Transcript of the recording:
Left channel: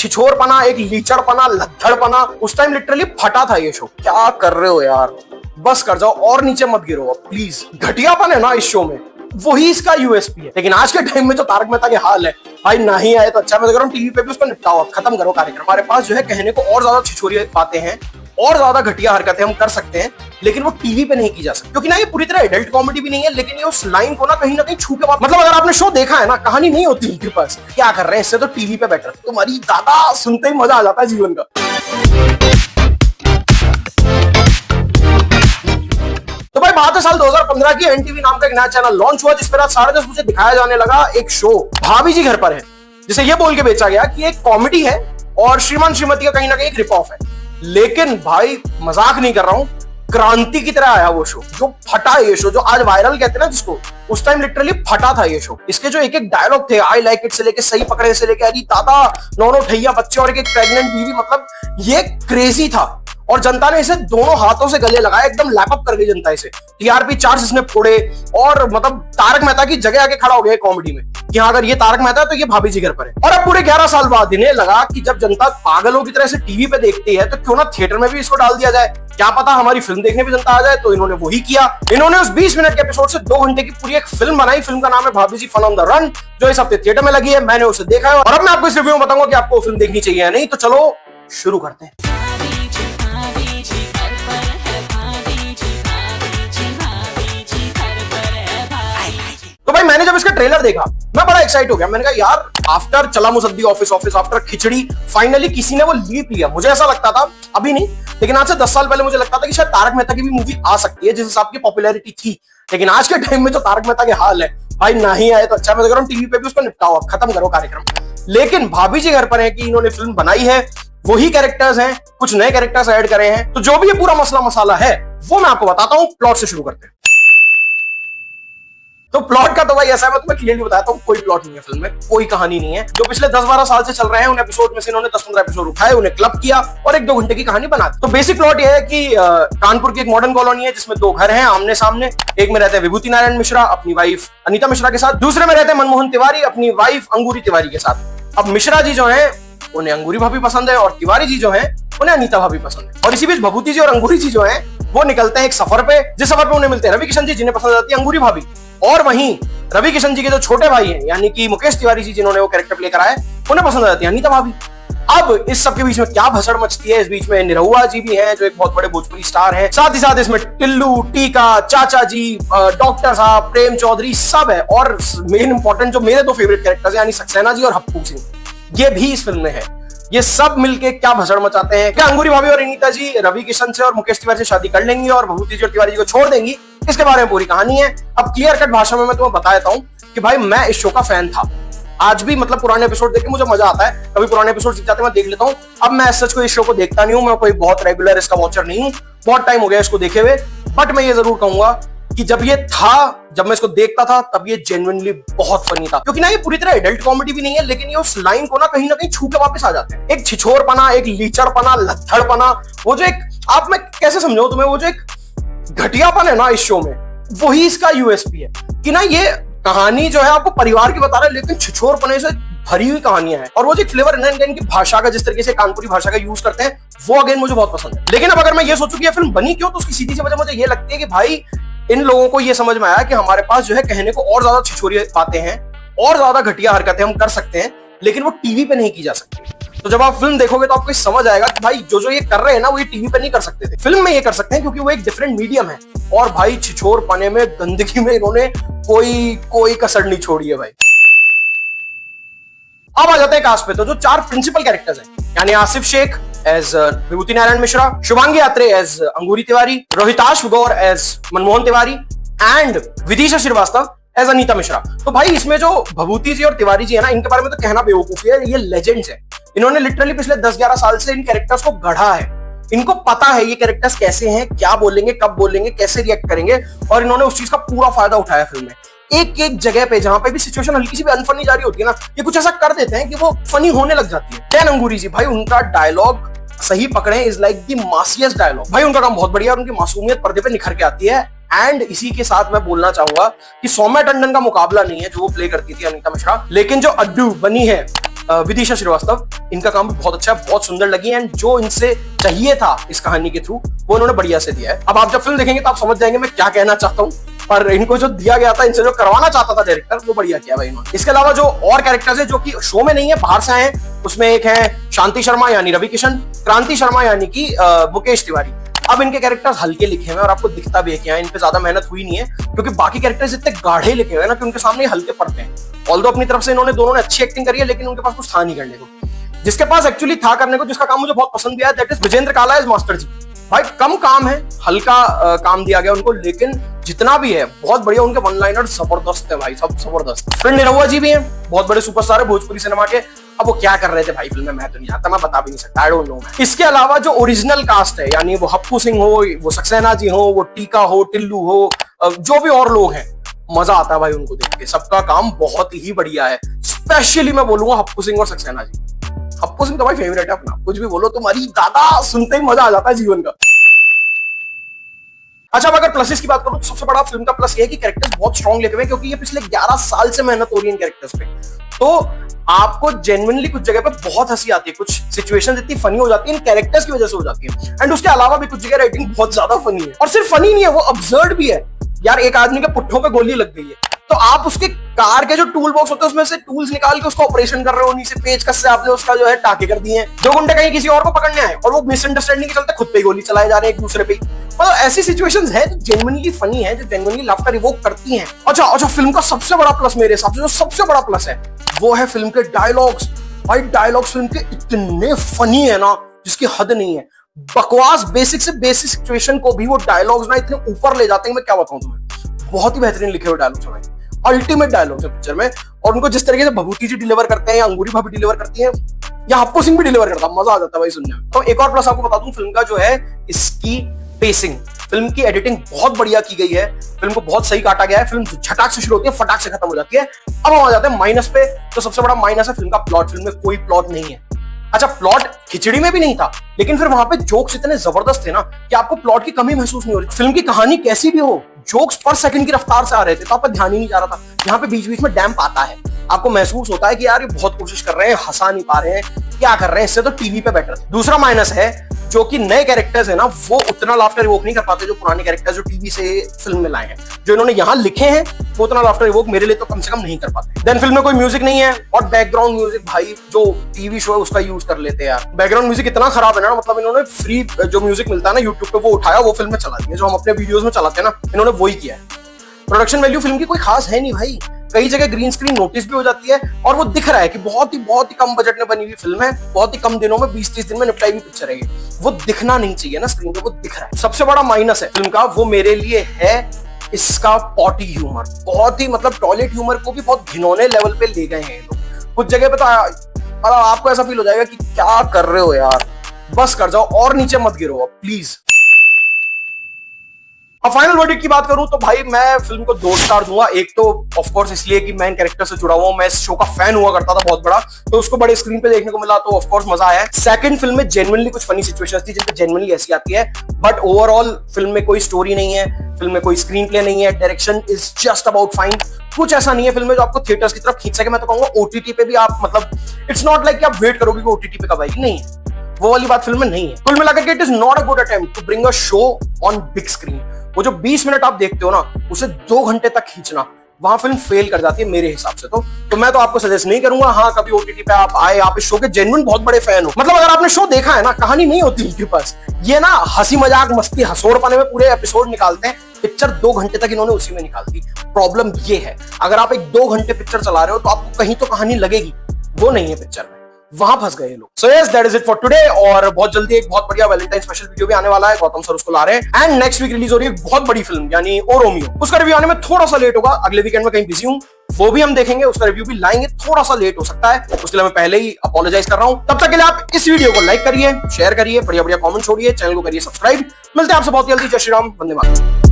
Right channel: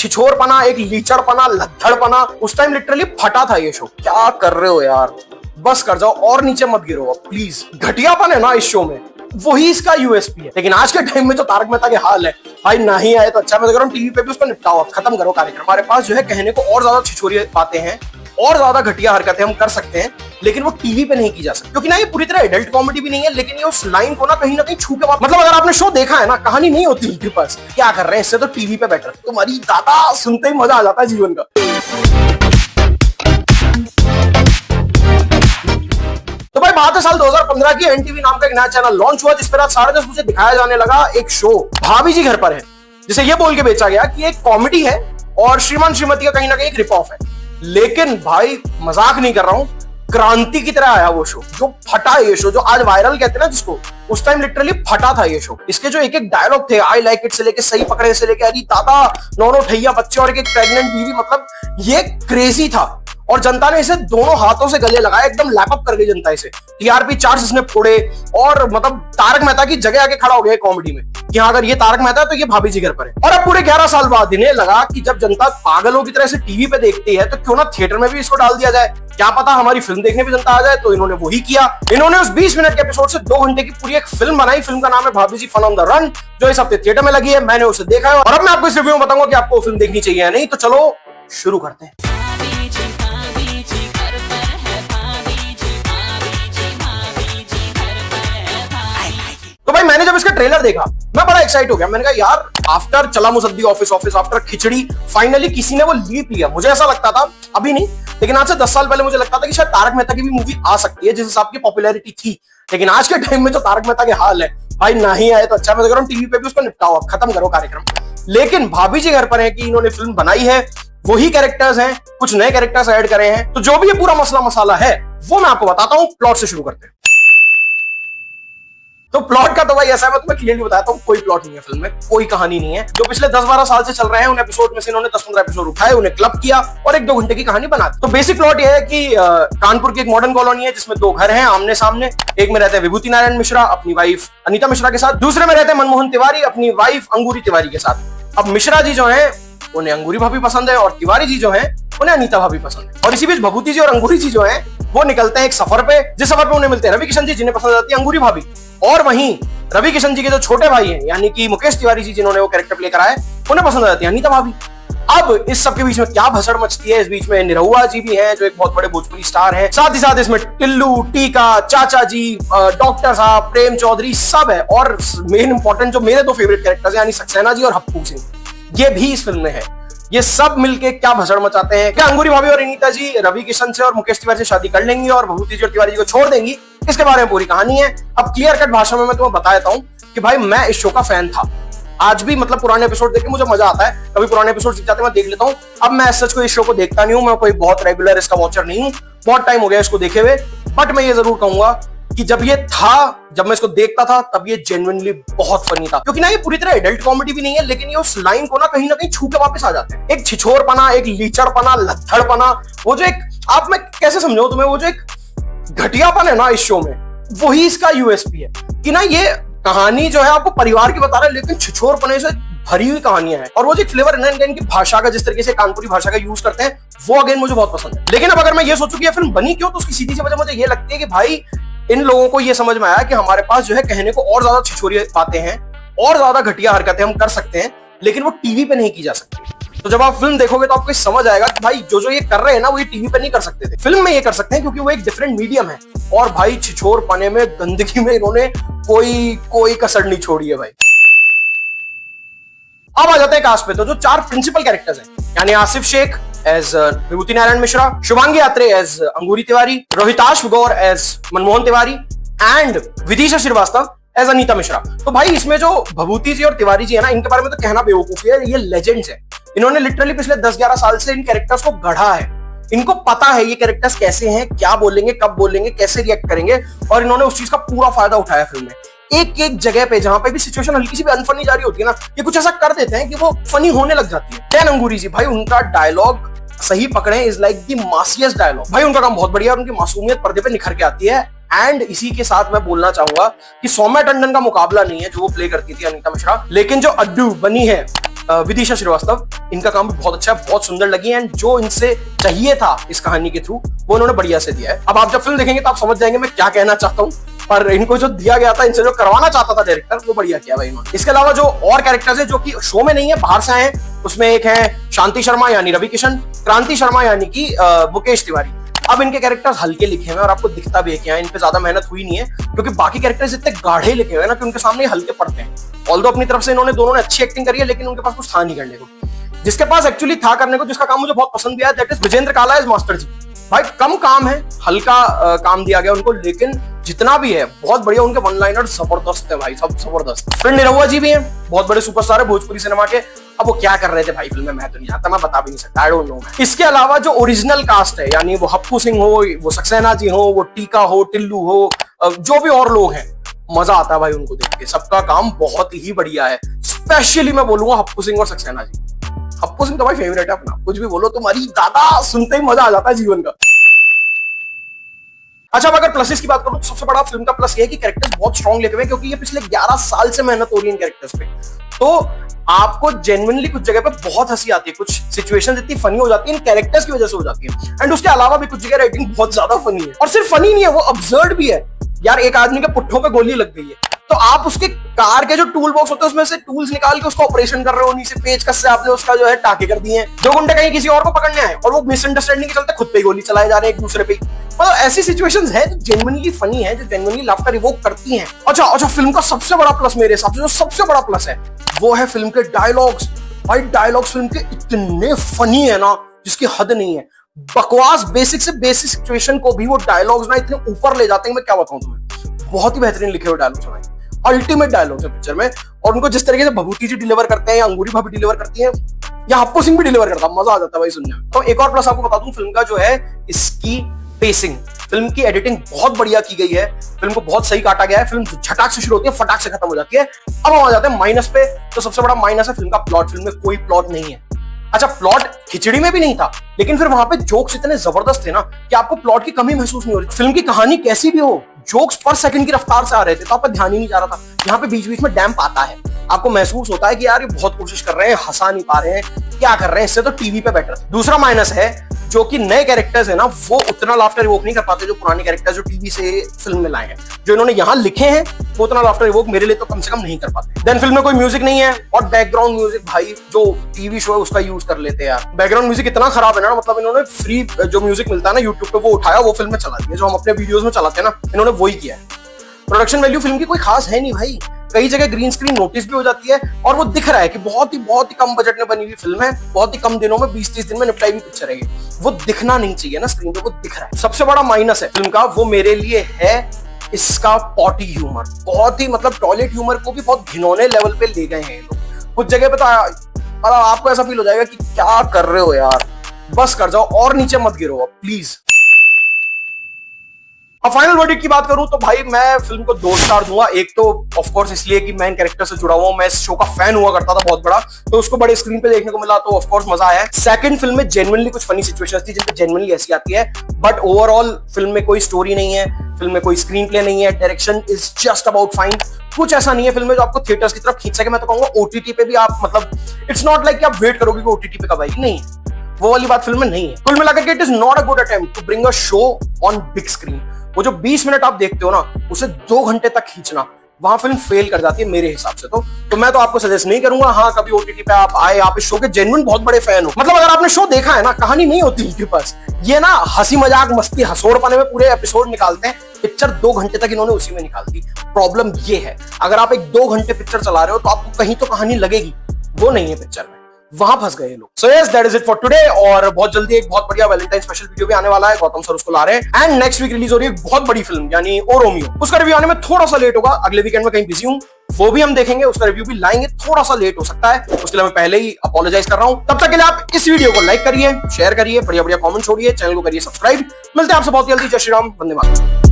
छिछोरपना, एक लीचड़पना, लद्दड़पना, उस time literally फटा था ये शो। क्या कर रहे हो यार, बस कर जाओ और नीचे मत गिरो प्लीज। घटियापन है ना इस शो में, वही इसका यूएसपी है। लेकिन आज के टाइम में जो तारक मेहता के हाल है भाई, ना ही आए तो अच्छा। मैं तो कह रहा हूं टीवी पे भी उसको निपटाओ, खत्म करो कार्यक्रम। हमारे पास जो है कहने को और ज्यादा छिछोरी बातें हैं और ज्यादा घटिया हरकतें हम कर सकते हैं, लेकिन वो टीवी पे नहीं की जा सकती, क्योंकि ना ये पूरी तरह एडल्ट कॉमेडी भी नहीं है, लेकिन ये उस लाइन को ना कहीं छू के मतलब अगर आपने शो देखा है ना, कहानी नहीं होती उनके पास, क्या कर रहे हैं इससे तो टीवी पे बैठ रहे। तुम्हारी दादा सुनते ही मजा आ जाता है जीवन का। तो भाई बात है साल 2015 की। एनटीवी नाम का एक नया चैनल लॉन्च हुआ, जिस पर रात 10:30 बजे दिखाया जाने लगा एक शो भाभी जी घर पर है, जिसे ये बोल के बेचा गया कि एक कॉमेडी है और श्रीमान श्रीमती का कहीं ना कहीं एक रिप ऑफ है। लेकिन भाई मजाक नहीं कर रहा हूं, क्रांति की तरह आया वो शो। जो फटा है ये शो, जो आज वायरल कहते हैं ना जिसको, उस टाइम लिटरली फटा था ये शो। इसके जो एक एक डायलॉग थे, आई लाइक इट से लेके सही पकड़े से लेके दादा, 9 ठैया बच्चे और एक प्रेग्नेंट बीवी, मतलब ये क्रेजी था। और जनता ने इसे दोनों हाथों से गले लगाया, एकदम लैपअप कर गई जनता इसे। टीआरपी चार्ज इसने फोड़े और मतलब तारक मेहता की जगह आगे खड़ा हो गया कॉमेडी में कि हाँ अगर ये तारक मेहता है तो ये भाभी जी घर पर है। और अब पूरे 11 साल बाद इन्हें लगा कि जब जनता पागलों की तरह से टीवी पे देखती है तो क्यों ना थिएटर में भी इसको डाल दिया जाए, क्या पता हमारी फिल्म देखने भी जनता आ जाए। तो इन्होंने वही किया। इन्होंने उस 20 मिनट के एपिसोड से 2 घंटे की पूरी एक फिल्म बनाई। फिल्म का नाम है भाभी जी फन ऑन द रन, जो इस हफ्ते थिएटर में लगी है। मैंने उसे देखा और अब मैं आपको इस रिव्यू में बताऊंगा कि आपको फिल्म देखनी चाहिए या नहीं। तो चलो शुरू करते हैं। तो भाई मैंने जब इसका ट्रेलर देखा मैं बड़ा एक्साइट हो गया। मैंने कहा यार आफ्टर चला मुसद्दी ऑफिस आफ्टर खिचड़ी फाइनली किसी ने वो लीप लिया। मुझे ऐसा लगता था, अभी नहीं लेकिन आज से 10 साल पहले मुझे लगता था कि शायद तारक मेहता की भी मूवी आ सकती है जिस हिसाब की पॉपुलैरिटी थी। लेकिन आज के टाइम में जो तारक मेहता के हाल है भाई, ना ही आए तो अच्छा। मैं कह रहा हूं टीवी पे भी उसको निपटाओ, खत्म करो कार्यक्रम। लेकिन भाभी जी घर पर है कि इन्होंने फिल्म बनाई है, वही कैरेक्टर्स हैं, कुछ नए कैरेक्टर्स ऐड करे हैं। तो जो भी ये पूरा मसला मसाला है वो मैं आपको बताता हूँ। प्लॉट से शुरू करते हैं। तो प्लॉट का तो भाई ऐसा मैं तुम्हें क्लियरली बताता हूँ, कोई प्लॉट नहीं है फिल्म में, कोई कहानी नहीं है। जो पिछले 10-12 साल से चल रहे हैं उन एपिसोड में से इन्होंने 10-15 एपिसोड उठाए, उन्हें क्लब किया और 1-2 घंटे की कहानी बना दी। तो बेसिक प्लॉट यह है कि कानपुर की एक मॉडर्न कॉलोनी है जिसमें 2 घर हैं आमने सामने। एक में रहते हैं विभूति नारायण मिश्रा अपनी वाइफ अनीता मिश्रा के साथ, दूसरे में रहते हैं मनमोहन तिवारी अपनी वाइफ अंगूरी तिवारी के साथ। अब मिश्रा जी जो है उन्हें अंगूरी भाभी पसंद है और तिवारी जी जो है उन्हें अनीता भाभी पसंद है। और इसी बीच भभूति जी और अंगूरी जी जो है वो निकलते हैं एक सफर पे, जिस सफर पे उन्हें मिलते हैं रवि किशन जी जिन्हें पसंद आती है अंगूरी भाभी। और वहीं रवि किशन जी के जो छोटे भाई हैं यानी कि मुकेश तिवारी जी जिन्होंने वो कैरेक्टर लेकर आए, उन्हें पसंद आती है अनीता भाभी। अब इस सब के बीच में क्या भसड़ मचती है। इस बीच में निरहुआ जी भी है जो एक बहुत बड़े भोजपुरी स्टार है, साथ ही साथ इसमें टिल्लू, टीका, चाचा जी, डॉक्टर साहब, प्रेम चौधरी सब है। और मेन इंपॉर्टेंट जो मेरे 2 फेवरेट कैरेक्टर्स यानी सक्सेना जी और हप्पू सिंह, ये भी इस फिल्म में है। ये सब मिलके क्या भसड़ मचाते हैं। क्या अंगूरी भाभी और अनीता जी रवि किशन से और मुकेश तिवारी से शादी कर लेंगी और भभूति जी और तिवारी जी को छोड़ देंगी, इसके बारे में पूरी कहानी है। अब क्लियर कट भाषा में मैं तुम्हें बता देता हूँ कि भाई मैं इस शो का फैन था। आज भी मतलब पुराने एपिसोड देख के मुझे मजा आता है, कभी पुराने एपिसोड सीख जाते मैं देख लेता हूँ। अब मैं सच को इस शो को देखता नहीं हूँ, मैं कोई बहुत रेगुलर इसका वॉचर नहीं हूँ, बहुत टाइम हो गया इसको देखे हुए। बट मैं ये जरूर कहूंगा कि जब मैं इसको देखता था तब ये जेन्युइनली बहुत फनी था, क्योंकि ना ये पूरी तरह एडल्ट कॉमेडी भी नहीं है, लेकिन ये उस लाइन को ना कहीं छू के वापस आ जाते हैं। एक छिछोरपना, एक लीचड़पना, लद्दड़पना, वो जो एक आप मैं कैसे समझाऊं तुम्हें, वो जो एक घटियापन है ना इस शो में, वही इसका यूएसपी है। कि ना ये कहानी जो है आपको परिवार की बता रहा है, लेकिन छिछोरपने से भरी हुई कहानियां हैं। और वो जो फ्लेवर है ना इनकी भाषा का, जिस तरीके से कानपुरी भाषा का यूज करते हैं, वो अगेन मुझे बहुत पसंद है। लेकिन अब अगर मैं ये सोचूं कि ये फिल्म बनी क्यों, तो उसकी सीधी सी वजह मुझे ये लगती है कि भाई इन लोगों को ये समझ में आया कि हमारे पास जो है कहने को और ज्यादा छिछोरी बातें हैं और ज्यादा घटिया हरकतें हम कर सकते हैं, लेकिन वो टीवी पे नहीं की जा सकती। तो जब आप फिल्म देखोगे तो आपको समझ आएगा कि भाई जो ये कर रहे हैं ना वो ये टीवी पे नहीं कर सकते थे, फिल्म में ये कर सकते हैं, क्योंकि वो एक डिफरेंट मीडियम है। और भाई छिछोरपने में, गंदगी में इन्होंने कोई कसर नहीं छोड़ी है भाई। अब आ जाते हैं कास्ट पे। तो जो 4 प्रिंसिपल कैरेक्टर्स हैं यानी Asif Shaikh as Vibhuti Narayan Mishra, Shubhangi Atre as Angoori Tiwari, Rohitashv Gour as Manmohan Tiwari and Vidisha Srivastava as Anita Mishra. तो भाई इसमें जो भभूति जी और तिवारी जी है ना, इनके बारे में तो कहना बेवकूफी है, ये लेजेंड्स है। इन्होंने लिटरली पिछले 10-11 साल से इन कैरेक्टर्स को गढ़ा है। इनको पता है ये कैरेक्टर्स कैसे हैं, क्या बोलेंगे, कब बोलेंगे, कैसे रिएक्ट करेंगे, और इन्होंने उस चीज का पूरा फायदा उठाया फिल्म में। एक जगह पे जहां पे भी सिचुएशन हल्की सी भी अनफनी जा रही होती है ना, ये कुछ ऐसा कर देते हैं कि वो फनी होने लग जाती है। कैन अंगूरी जी भाई, उनका डायलॉग सही पकड़े इज लाइक द मासियस डायलॉग। भाई उनका काम बहुत बढ़िया है, उनकी मासूमियत पर्दे पे निखर के आती है। एंड इसी के साथ मैं बोलना चाहूंगा कि सौम्या टंडन का मुकाबला नहीं है जो वो प्ले करती थी अनीता मिश्रा, लेकिन जो बनी है विदिशा श्रीवास्तव, इनका काम बहुत अच्छा है, बहुत सुंदर लगी एंड जो इनसे चाहिए था इस कहानी के थ्रू वो उन्होंने बढ़िया से दिया है। अब आप जब फिल्म देखेंगे तो आप समझ जाएंगे मैं क्या कहना चाहता हूँ, पर इनको जो दिया गया था, इनसे जो करवाना चाहता था डायरेक्टर, वो बढ़िया किया भाई। इसके अलावा जो और कैरेक्टर्स हैं जो कि शो में नहीं है, बाहर से आए हैं, उसमें एक है शांति शर्मा यानी रवि किशन, क्रांति शर्मा यानी कि मुकेश तिवारी। अब इनके कैरेक्टर हल्के लिखे हैं और आपको दिखता भी है, इन पे ज्यादा मेहनत हुई नहीं है क्योंकि बाकी कैरेक्टर्स इतने गाढ़े लिखे हुए हैं ना कि उनके सामने हल्के पड़ते हैं। ऑल्दो अपनी तरफ से इन्होंने दोनों ने अच्छी एक्टिंग करी है, लेकिन उनके पास कुछ था नहीं करने को। जिसके पास एक्चुअली था करने को, जिसका काम मुझे बहुत पसंद भी आया, दैट इज विजेंद्र काला इज मास्टर जी। भाई कम काम है, हल्का काम दिया गया उनको, लेकिन जितना भी है बहुत बढ़िया। उनके वन लाइनर जबरदस्त है भाई, सब जबरदस्त। फिर निरहुआ जी भी हैं, बहुत बड़े सुपरस्टार है भोजपुरी सिनेमा के। अब वो क्या कर रहे थे भाई फिल्म में मैं तो नहीं आता, मैं बता भी नहीं सकता, आई डोंट नो। इसके अलावा जो ओरिजिनल कास्ट है, यानी वो हप्पू सिंह हो, वो सक्सेना जी हो, वो टीका हो, टिल्लू हो, जो भी और लोग हैं, मजा आता है भाई उनको देख के। सबका काम बहुत ही बढ़िया है। स्पेशली मैं बोलूंगा हप्पू सिंह और सक्सेना जी। हप्पू सिंह तो भाई फेवरेट है अपना, कुछ भी बोलो तुम्हारी दादा, सुनते ही मजा आ जाता है जीवन का। अच्छा, अगर प्लसेस की बात करूं तो सबसे बड़ा फिल्म का प्लस ये है कि कैरेक्टर्स बहुत स्ट्रॉन्ग लिखे हुए हैं, क्योंकि ये पिछले 11 साल से मेहनत हो रही है इन कैरेक्टर्स पे। तो आपको जेन्युइनली कुछ जगह पे बहुत हंसी आती है, कुछ सिचुएशंस इतनी फनी हो जाती है कैरेक्टर्स की वजह से हो जाती है। एंड उसके अलावा भी कुछ जगह राइटिंग बहुत ज्यादा फनी है, और सिर्फ फनी नहीं है, वो अब्सर्ड भी है। यार एक आदमी के पुट्ठों पे गोली लग गई है, तो आप उसके कार के जो टूल बॉक्स होते हैं उसमें से टूल्स निकाल के उसका ऑपरेशन कर रहे हो, नीचे पेचकस से आपने उसका जो है टाके कर दिए हैं। जो गुंडे कहीं किसी और को पकड़ने आए और वो मिसअंडरस्टैंडिंग के चलते खुद पे गोली चलाए जा रहे हैं एक दूसरे पे। मतलब ऐसी सिचुएशंस है जो जेन्युइनली फनी है, जो जेन्युइनली लाफ्टर इवोक करती हैं। अच्छा, फिल्म का सबसे बड़ा प्लस मेरे हिसाब से, जो सबसे बड़ा प्लस है वो है फिल्म के डायलॉग्स। भाई डायलॉग्स फिल्म के इतने फनी है ना जिसकी हद नहीं है। बकवास बेसिक से बेसिक सिचुएशन को भी वो डायलॉग्स ना इतने ऊपर ले जाते हैं, मैं क्या बताऊं तुम्हें। बहुत ही बेहतरीन लिखे हुए डायलॉग्स है भाई, अल्टीमेट डायलॉग्स है पिक्चर में। और उनको जिस तरीके से भभूति जी डिलीवर करते हैं या अंगूरी भाभी डिलीवर करती है या हप्पू सिंह भी डिलीवर करता है, मजा आ जाता है भाई सुनने में। तो एक और प्लस आपको बता दूं फिल्म का जो है इसकी पेसिंग। फिल्म की एडिटिंग बहुत बढ़िया की गई है, फिल्म को बहुत सही काटा गया है। फिल्म झटाक से शुरू होती है, फटाक से खत्म हो जाती है। अब आ जाते हैं माइनस पे, तो सबसे बड़ा माइनस है फिल्म का प्लॉट। फिल्म में कोई प्लॉट नहीं है। अच्छा, प्लॉट खिचड़ी में भी नहीं था, लेकिन फिर वहां पे जोक्स इतने जबरदस्त थे ना कि आपको प्लॉट की कमी महसूस नहीं हो रही। फिल्म की कहानी कैसी भी हो, जोक्स पर सेकंड की रफ्तार से आ रहे थे, तो आपका ध्यान ही नहीं जा रहा था। यहाँ पे बीच बीच में डैम्प आता है, आपको महसूस होता है कि यार ये बहुत कोशिश कर रहे हैं, हंसा नहीं पा रहे हैं, क्या कर रहे हैं, इससे तो टीवी पे बेटर। दूसरा माइनस है जो कि नए कैरेक्टर्स है ना, वो उतना लाफ्टर इवोक नहीं कर पाते जो पुराने कैरेक्टर्स जो टीवी से फिल्म में लाए हैं। जो इन्होंने यहाँ लिखे हैं वो उतना लाफ्टर इवोक मेरे लिए तो कम से कम नहीं कर पाते। देन फिल्म में कोई म्यूजिक नहीं है, और बैकग्राउंड म्यूजिक भाई जो टीवी शो है उसका यूज कर लेते हैं यार। बैकग्राउंड म्यूजिक इतना खराब है ना, मतलब इन्होंने फ्री जो म्यूजिक मिलता है ना यूट्यूब पे, वो उठाया, वो फिल्म में चला दिया। जो हम अपने वीडियोस में चलाते हैं ना, इन्होंने वही किया है। प्रोडक्शन वैल्यू फिल्म की कोई खास है नहीं भाई, कई जगह ग्रीन स्क्रीन नोटिस भी हो जाती है, और वो दिख रहा है कि बहुत ही कम बजट में बनी हुई फिल्म है, बहुत ही कम दिनों में 20-30 दिन में निपटाई हुई पिक्चर है। वो दिखना नहीं चाहिए ना स्क्रीन पे, वो दिख रहा है। सबसे बड़ा माइनस है फिल्म का, वो मेरे लिए है इसका पॉटी ह्यूमर। बहुत ही मतलब टॉयलेट ह्यूमर को भी बहुत घिनौने लेवल पे ले गए हैं लोग। कुछ जगह पे तो आपको ऐसा फील हो जाएगा कि क्या कर रहे हो यार, बस कर जाओ और नीचे मत गिरो प्लीज। अब फाइनल वर्डिक्ट की बात करूं तो भाई मैं फिल्म को 2 स्टार दूंगा। एक तो ऑफ कोर्स इसलिए कि मैं इन कैरेक्टर से जुड़ा हुआ हूं, मैं इस शो का फैन हुआ करता था बहुत बड़ा, तो उसको बड़े स्क्रीन पे देखने को मिला तो ऑफ कोर्स मजा आया। सेकंड, फिल्म में जेन्युइनली कुछ फनी सिचुएशंस थी जिसमें जेन्युइनली हंसी आती है, बट ओवरऑल फिल्म में कोई स्टोरी नहीं है, फिल्म में कोई स्क्रीन प्ले नहीं है, direction is just about fine. कुछ ऐसा नहीं है फिल्म में जो आपको थिएटर्स की तरह खींच सके। मैं तो कहूंगा ओटीटी पे भी आप मतलब इट्स नॉट लाइक आप वेट करोगे कि ओटीटी पे कब आएगी, नहीं वो वाली बात फिल्म में नहीं है। कुल मिलाकर के it is not a good attempt to bring a show on big screen. वो जो 20 मिनट आप देखते हो ना, उसे 2 घंटे तक खींचना, वहां फिल्म फेल कर जाती है मेरे हिसाब से। तो मैं तो आपको सजेस्ट नहीं करूंगा। हाँ, कभी ओटीटी पे आप आए, आप इस शो के जेन्युइन बहुत बड़े फैन हो, मतलब अगर आपने शो देखा है ना, कहानी नहीं होती उनके पास, ये ना हंसी मजाक मस्ती हंसोड़ पाने में पूरे एपिसोड निकालते हैं। पिक्चर 2 घंटे तक इन्होंने उसी में निकाल दी। प्रॉब्लम ये है, अगर आप एक 2 घंटे पिक्चर चला रहे हो तो आपको कहीं तो कहानी लगेगी, वो नहीं है पिक्चर में, वहां फंस गए लोग। So yes, that is it for today. और बहुत जल्दी एक बहुत बढ़िया वैलेंटाइन स्पेशल वीडियो भी आने वाला है, गौतम सर उसको ला रहे हैं। एंड नेक्स्ट वीक रिलीज हो रही है एक बहुत बड़ी फिल्म यानी ओ रोमियो, उसका रिव्यू आने में थोड़ा सा लेट होगा, अगले वीकेंड में कहीं बिजी हूं, वो भी हम देखेंगे, उसका रिव्यू भी लाएंगे, थोड़ा सा लेट हो सकता है, इसलिए मैं पहले ही अपोलोजाइज कर रहा हूं। तब तक के लिए आप इस वीडियो को लाइक करिए, शेयर करिए, बढ़िया बढ़िया कमेंट छोड़िए, चैनल को करिए सब्सक्राइब। मिलते हैं आपसे बहुत जल्दी। जय श्री राम, वंदे मातरम।